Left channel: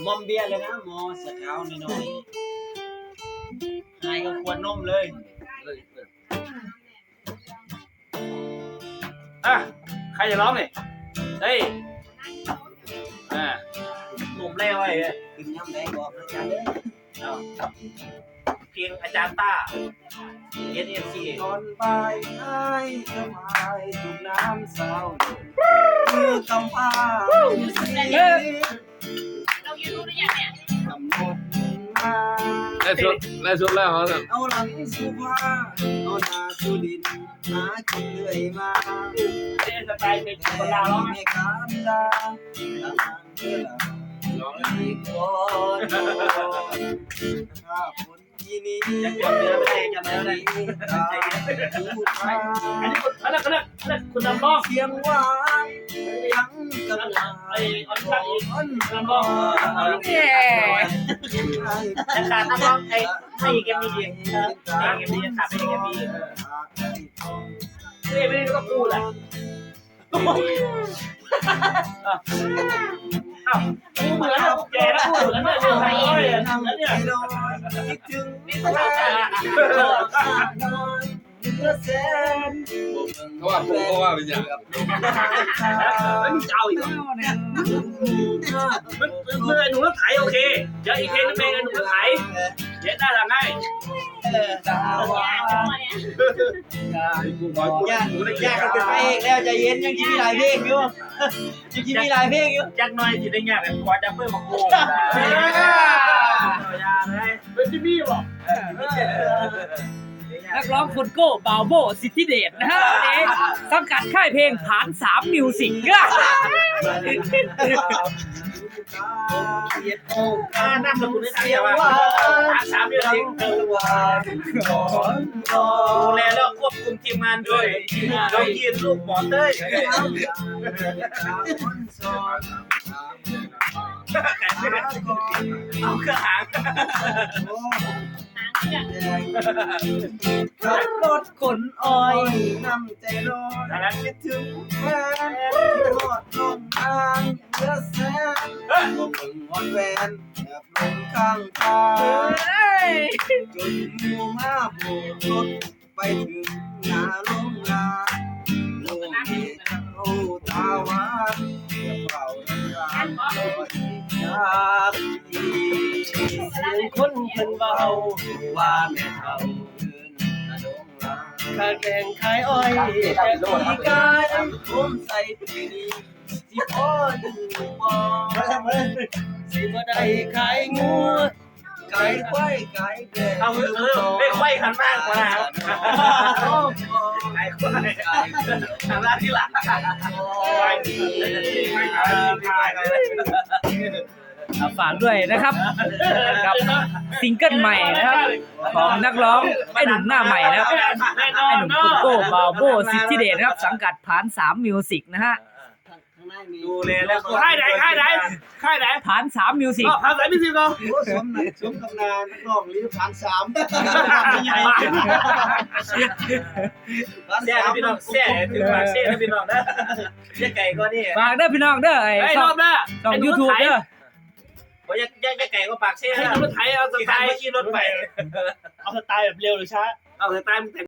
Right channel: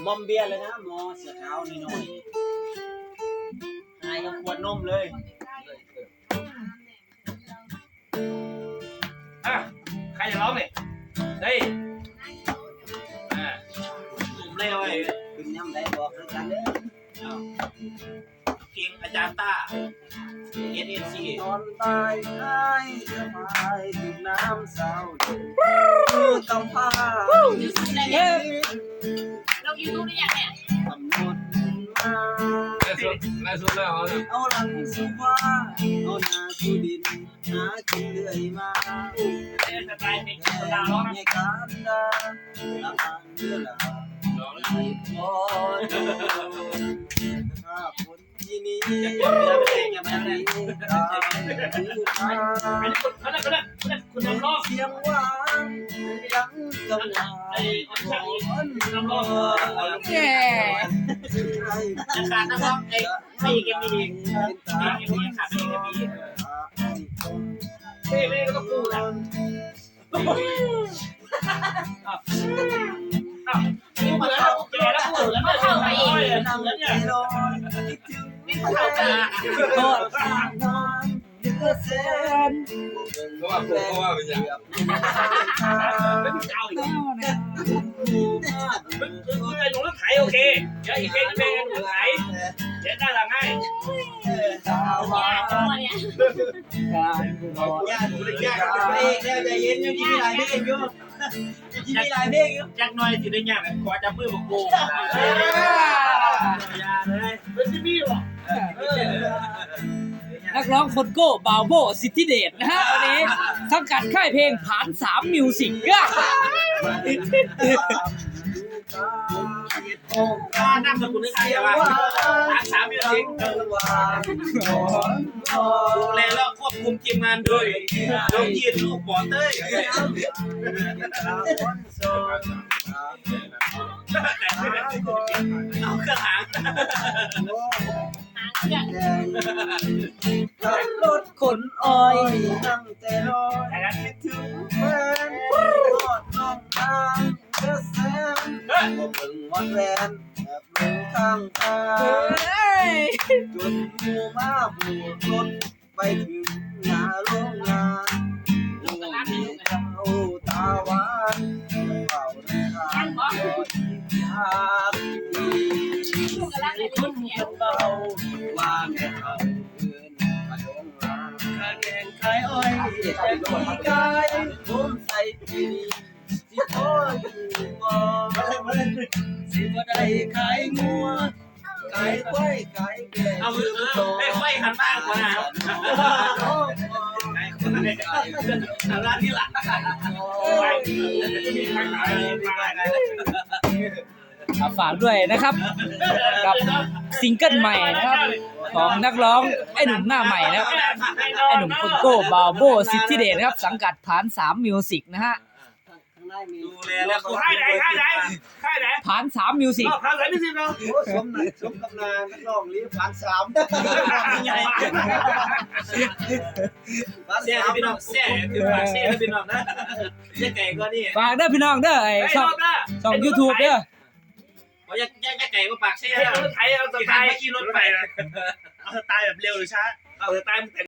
เออมอมเบียร์เลยนะมอสเกาวนิดหน่อยหายก็ขวดนมเลยอะใครจะร้องเนี่ยเฮ้ยอ่าผมเล่ไว้เลยกินน้ำได้บอกอาจารย์เด้อเอาเพลงอาจารย์ต้า S N C ตอนบ่ายอ้ายสบายถูกน้ำเศร้ามือกำผ้าเรายูทูบได้ยังเนี่ยกำหนดมาได้สุดได้สุดแล้วเขาเนี่ยเอาหลังสุภาเอาหน้าสู่ดินหากินเรื่อยมาเล่นสไตล์เป็นคนลาวร้องในการดาละมันเวลาร้องอีกคนถ้าคนที่นี้ยังจำเนื้อไม่ได้จำเนื้อไม่ได้ตาผู้ชายอันนี้คนเขาเรียกเขาเรียกเขาเรียกคุณนำร้องเสียงหวานยัง กำลังไอ้ออนชักอีกคนนำร้องเออแย่ยังขาดนักร้องไอ้ไม่อีกเอ็มดีไม่อีกเอ็มดียังขาดไม่อีกเอ็มดีไม่ไม่ได้ก็พูดอะอ้าวพูเหมือนแล้วแกแล้วพูดแล้วเนี่ยเดี๋ยวใครเลยแล้วเนี่ยคิดถึงแฟนโทษ ข้างนอนเดือแสนเขาะว่าผมก็ว่าเป็นอย่างกับลมทางตาไม่มีเจ้าอีกเหรอมันมันไอ้หนูรถไถโอเคเดี๋ยวอีกเพลงนึงเป็นไอ้หนูรถไถเดี๋ยวได้ทำให้ตาหวานกากูบอกญาติญาติกันเป็นพระเอกแล้วใจเย็นยังคิดมีหลายเพลงอยู่ยังคิดมีหลายเพลงอยู่จักหน่อยสิได้ยากกันขอจับมือมาโกงยาเลยเป็นที่นี่หรอ นักร้องคนโก้บาวโบสิทธิเดชนะฮะวันนี้สังกัดค่ายเพลงผานสามมิวสิกอะอ่านามสกุลได้ทันเดียวว่าทางสามเดือนเองดูแลแล้วควบคุมทีมงานด้วยน้องยีนลูกหมอเต้ยเอาเครื่องหาง ขับรถขนอ้อยน้ำใจลอยคิดถึงแฟนทอดน้องทางเดือแสนบ่เบิ่งวันแวนแอบลงข้างทางจนหมูมาโบกรถไปถึงหน้าโรงงาน คนเพิ่นเบาว่าแม่เฒ่าเอิ้นกระดงลาขาแกงขายอ้อยแต่ปีกายผมใส่ปีนี้สิพออยู่บ่สิบ่ได้ขายงัวขายควายขายแกงเอาเออไอ้ไขว้หันบ้างกว่านะไอ้ไขว้หันบ้างที่หลัง อะฝากด้วยนะครับกับซิงเกิลใหม่นะครับ ของนักร้องไอ้หนุ่มหน้าใหม่นะครับไอ้หนุ่มคนโก้บาวโบสิทธิเดชนะครับ สังกัดผานสามมิวสิกนะฮะดูแลแล้วค่ายไหนค่ายไหนค่ายไหนผานสามมิวสิกค่ายไหนพี่สิกองโอ้สมนักสมกำนานนักร้องลีพันสามใหญ่แซ่พี่น้องแซ่ถึงปากแซ่แล้วพี่น้องนะแซ่ไก่ก็นี่ฝากเด้อพี่น้องเด้อไอ้ไอ้ช่รองอบหน้าช่องยูทูบเด้อ ว่าจะจะไก่ก็ปากแซ่ให้รถไถเอาสไตล์ขี่รถไป เอาสไตล์แบบเร็วหรือช้า เอาสไตล์